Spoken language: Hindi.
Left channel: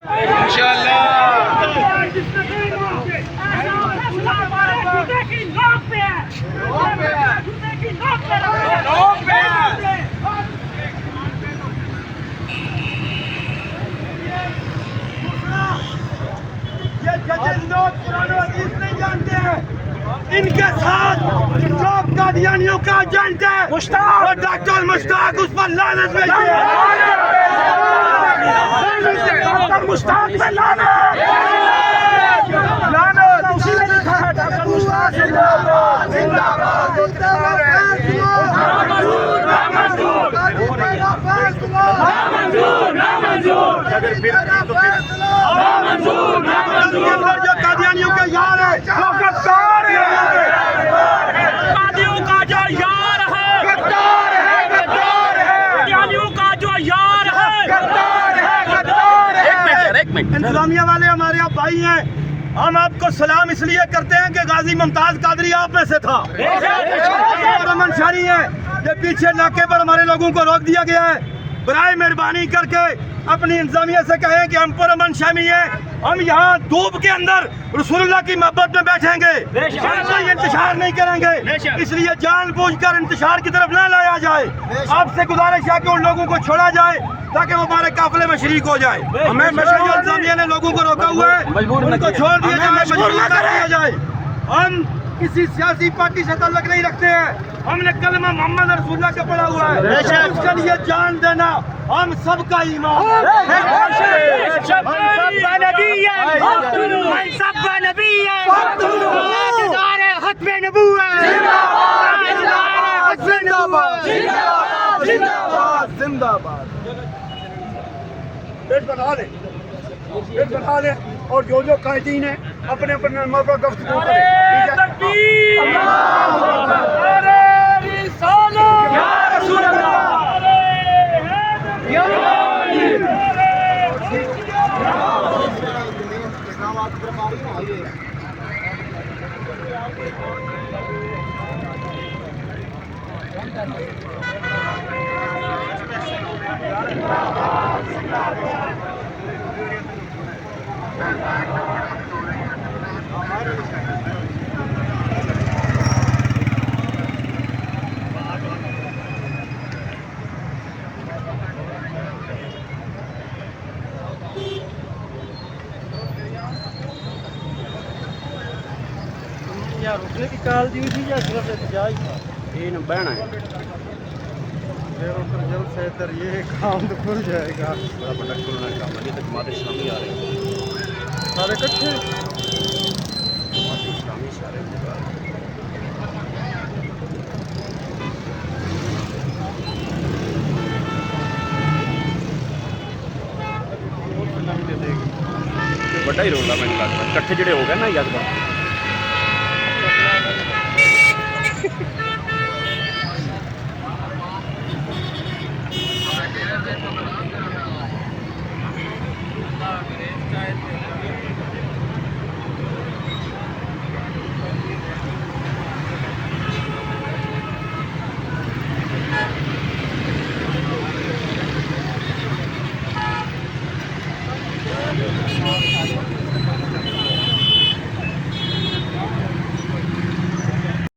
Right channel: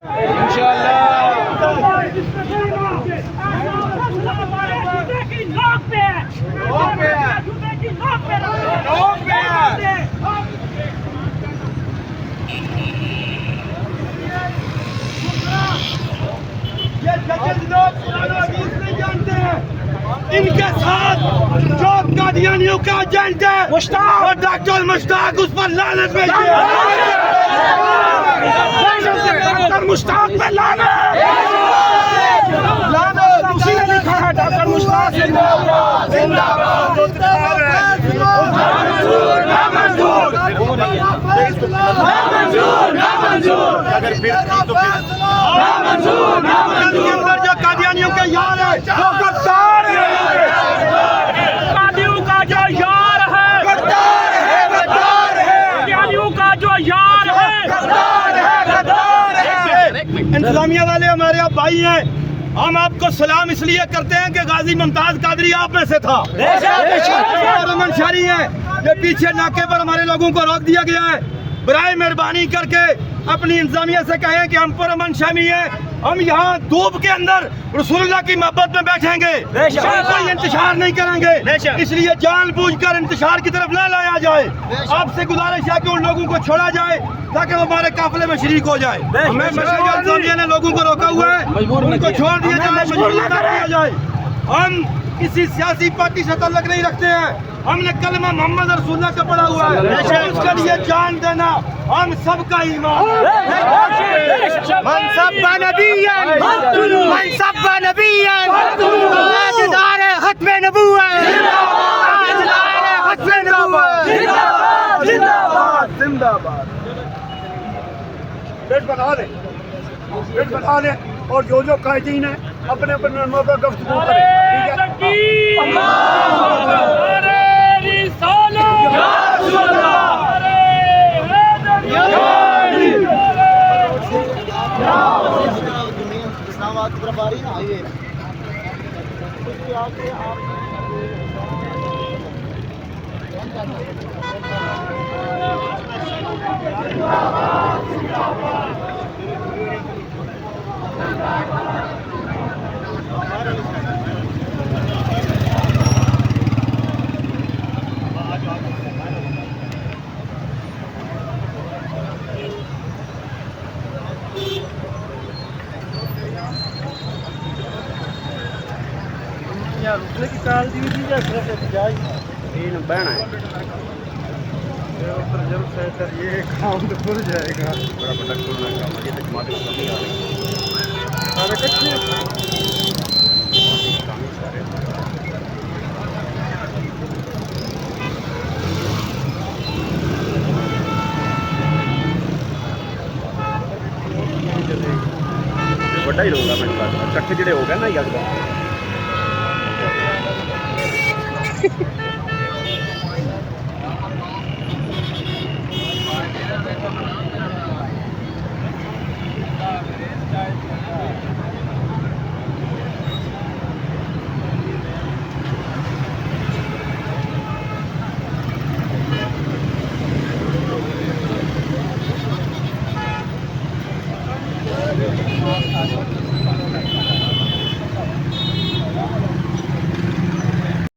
ये जजेस लोग कुरान और हदीस नहीं जानते हैं। इनके साथ जो कादियानियों का एजेंट है मुश्ताक और डॉक्टर मुश्ताक, उस पर लानत भेजिए। डॉक्टर मुश्ताक पे लानत, लानत उसी ने लिखा है। डॉक्टर मुश्ताक जिंदाबाद जिंदाबाद। जो कादियानियों के यार है वो गद्दार है। कादियों का जो यार है गद्दार है, गद्दार है। कादियों का जो यार है गद्दार है, गद्दार है। इंतजामिया वाले हमारे आप भाई हैं। हम आपको सलाम इसलिए करते हैं कि गाजी मुमताज कादरी आप में से था। और अमन शहरी है, ये पीछे नाके पर हमारे लोगों को रोक दिया गया है। बराए मेहरबानी करके अपनी इंतजामिया से कहें कि हम पर अमन शामी है। हम यहाँ धूप के अंदर रसूलुल्लाह की मोहब्बत में बैठेंगे, कोई इंतजार नहीं करेंगे। इसलिए जानबूझकर इंतजार की तरफ न लाया जाए। आपसे गुजारिश है कि उन लोगों को छोड़ा जाए ताकि वो हमारे काफिले में शरीक हो जाए। हमें जो इंतजामिया ने लोगों को रोका हुआ है उनको छोड़ दिया जाए। हम किसी सियासी पार्टी से ताल्लुक नहीं रखते हैं। हमने कलमा मोहम्मद रसूलुल्लाह का पढ़ा हुआ है, उसके लिए जान देना हम सबका ईमान है। जिंदाबाद पेट बना ले, पेट बना ले। और जो जो कायदीन है अपने अपने नमों पर गुफ्तगू करें, ठीक है। रुकने की काल दी थी या सिर्फ जाए ये न बहना है। ये काम तो खुल जाएगा। बड़ा बड़ा खुलना काम है। ये तो जमात इस्लामी आ रही है सारे इकट्ठे। जमात इस्लामी सारे बड़ा ही रोला मैंने लगता इकट्ठे जुड़े हो गए ना यकदम।